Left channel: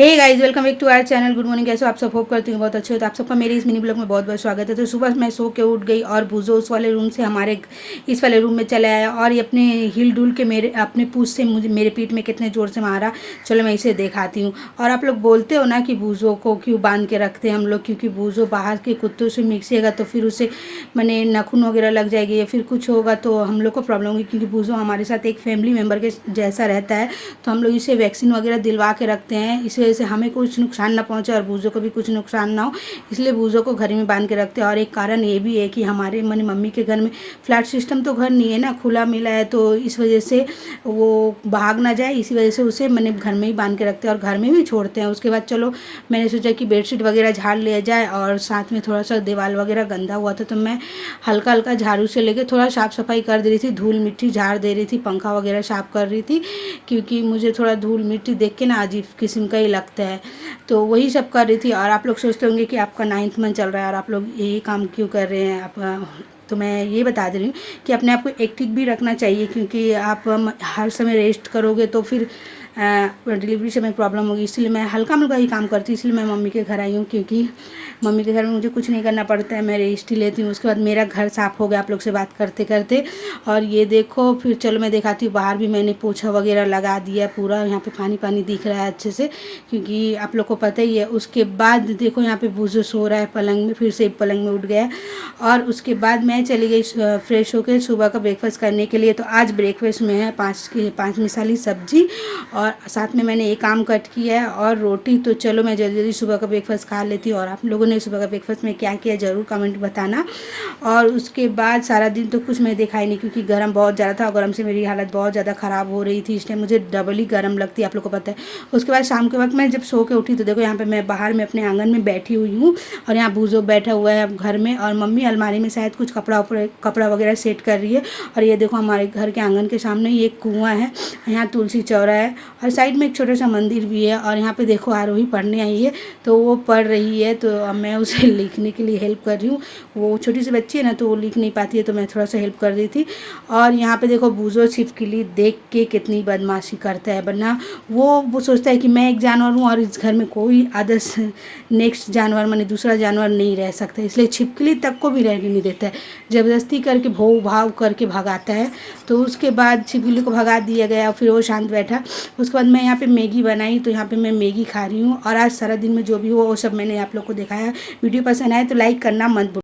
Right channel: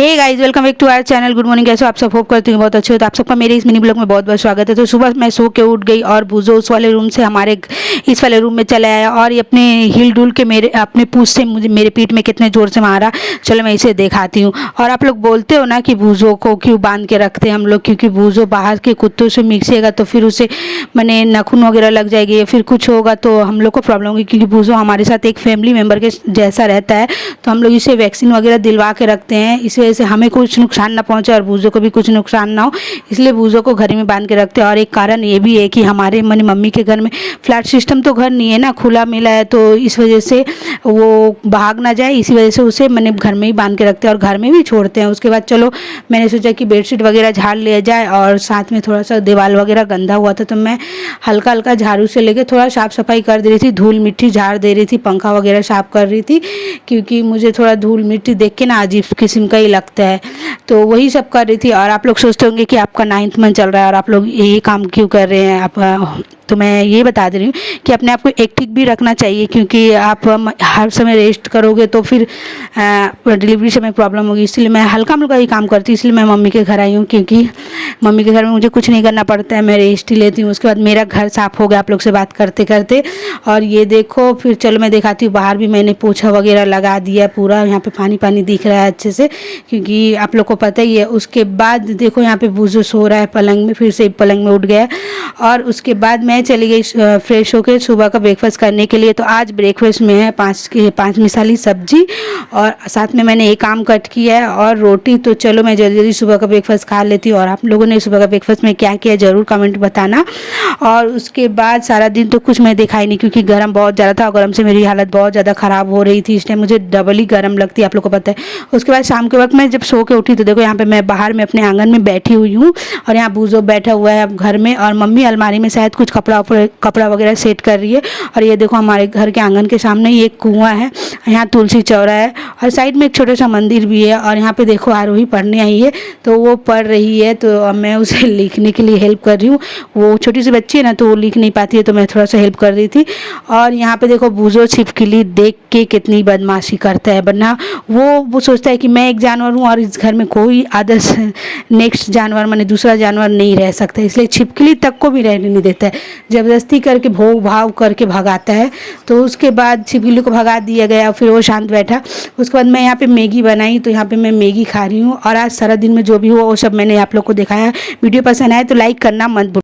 Hey guys, welcome back to our channel. Good morning. कैसे हो आप सब? होप करती हूँ बहुत अच्छे हो। तो आप सबका मेरे इस मिनी ब्लॉग में बहुत बहुत स्वागत है। तो सुबह मैं सो के उठ गई और बूजो उस वाले रूम से हमारे इस वाले रूम में चला आया और ये अपने हिल डुल के मेरे अपने पूछ से मुझे मेरे पीठ में कितने ज़ोर से मारा। चलो मैं इसे दिखाती हूँ। और आप लोग बोलते हो ना कि बूजो को क्यों बांध के रखते हैं हम लोग, क्योंकि बूजो बाहर के कुत्तों से मिक्सेगा तो फिर उसे मैंने नाखून वगैरह लग जाएगी या फिर कुछ होगा तो हम लोग को प्रॉब्लम होगी, क्योंकि बूजो हमारे साथ एक फैमिली मेम्बर के जैसा रहता है। तो हम लोग इसे वैक्सीन वगैरह दिलवा के रखते हैं, इस वजह से हमें कुछ नुकसान ना पहुंचे और बूजो को भी कुछ नुकसान ना हो, इसलिए बूजो को घर में बांध के रखते हैं। और एक कारण ये भी है कि हमारे मैंने मम्मी के घर में फ्लैट सिस्टम तो घर नहीं है ना, खुला मिला है, तो इस वजह से वो भाग ना जाए, इसी वजह से उसे मैंने घर में ही बांध के रखते हैं और घर में भी छोड़ते हैं। उसके बाद चलो मैंने सोचा कि बेडशीट वगैरह झाड़ लिया जाए और साथ में थोड़ा सा दीवार वगैरह गंदा हुआ था तो मैं हल्का हल्का झाड़ू से लेके थोड़ा साफ सफाई कर दे रही थी, धूल मिट्टी झाड़ दे रही थी, पंखा वगैरह साफ कर रही थी, क्योंकि मुझे थोड़ा धूल मिट्टी देख के ना अजीब किस्म का ही लगता है। तो वही सब कर रही थी। और आप लोग सोचते होंगे कि आपका 9th मंथ चल रहा है और आप लोग यही काम क्यों कर रहे हैं आप। तो मैं ये बता दे रही हूँ कि अपने आप को एक्टिव भी रखना चाहिए, क्योंकि आप हर समय रेस्ट करोगे तो फिर डिलीवरी समय प्रॉब्लम होगी। इसलिए मैं हल्का मुल्का ही काम करती हूँ, इसलिए मैं मम्मी के घर आई हूँ, क्योंकि मम्मी के घर में मुझे कुछ नहीं करना पड़ता है, मैं रेस्ट ही लेती हूँ। उसके बाद मेरा घर साफ़ हो गया आप लोग से बात करते करते। और ये देखो, फिर चलो मैं दिखाती हूँ, बाहर भी मैंने पोछा वगैरह लगा दिया पूरा, यहाँ पे पानी पानी दिख रहा है अच्छे से, क्योंकि आप लोग को पता ही है। उसके बाद देखो यहाँ पे बूजो सो रहा है पलंग में, फिर से पलंग में उठ गया। और उसके बाद मैं चली गई फ्रेश होकर सुबह का ब्रेकफास्ट करने के लिए। तो आज ब्रेकफास्ट में है 5 मिसाली सब्जी और साथ में मैंने एक आम कट किया है और रोटी। तो चलो मैं जल्दी जल्दी सुबह का ब्रेकफास्ट खा लेती हूँ। और आप लोगों ने सुबह का ब्रेकफास्ट में क्या किया ज़रूर कमेंट बताना। और उसके बाद सारा दिन तो कुछ मैं दिखाई नहीं, क्योंकि गर्म बहुत ज़्यादा था और गर्म से मेरी हालत बहुत ज़्यादा ख़राब हो रही थी। इस टाइम मुझे डबल ही गर्म लगती है, आप लोग को पता है। उसके बाद शाम के वक्त मैं जब सो के उठी तो देखो यहाँ पे मैं बाहर में अपने आंगन में बैठी हुई हूँ और यहाँ बूजो बैठा हुआ है अब घर में, और मम्मी अलमारी में शायद कुछ कपड़ा वगैरह सेट कर रही है। और ये देखो हमारे घर के आंगन के सामने ही एक कुआं है, यहाँ तुलसी चौरा है और साइड में एक छोटा सा मंदिर भी है। और यहाँ पे देखो आरोही पढ़ने आई है, तो वो पढ़ रही है, तो मैं उसे लिखने के लिए हेल्प कर रही हूँ। वो छोटी सी बच्ची है ना, तो वो लिख नहीं पाती है, तो मैं थोड़ा सा हेल्प कर रही थी। और यहाँ पे देखो बूजो छिपकली देख के कितनी बदमाशी करता है, वरना वो सोचता है कि मैं एक जानवर हूँ और इस घर में कोई अदर्स नेक्स्ट जानवर माने दूसरा जानवर नहीं रह सकता, इसलिए छिपकली तक को भी रहने नहीं देता है, जबरदस्ती करके भोग भाव करके भगाता है। तो उसके बाद छिपकली को भगा दिया गया, फिर वो शांत बैठा। उसके बाद मैं यहाँ पे मैगी बनाई, तो यहाँ पे मैं मैगी खा रही हूँ। और आज सारा दिन में जो भी हुआ वो सब मैंने आप लोग को दिखाया। वीडियो पसंद आए तो लाइक करना मत भूलना।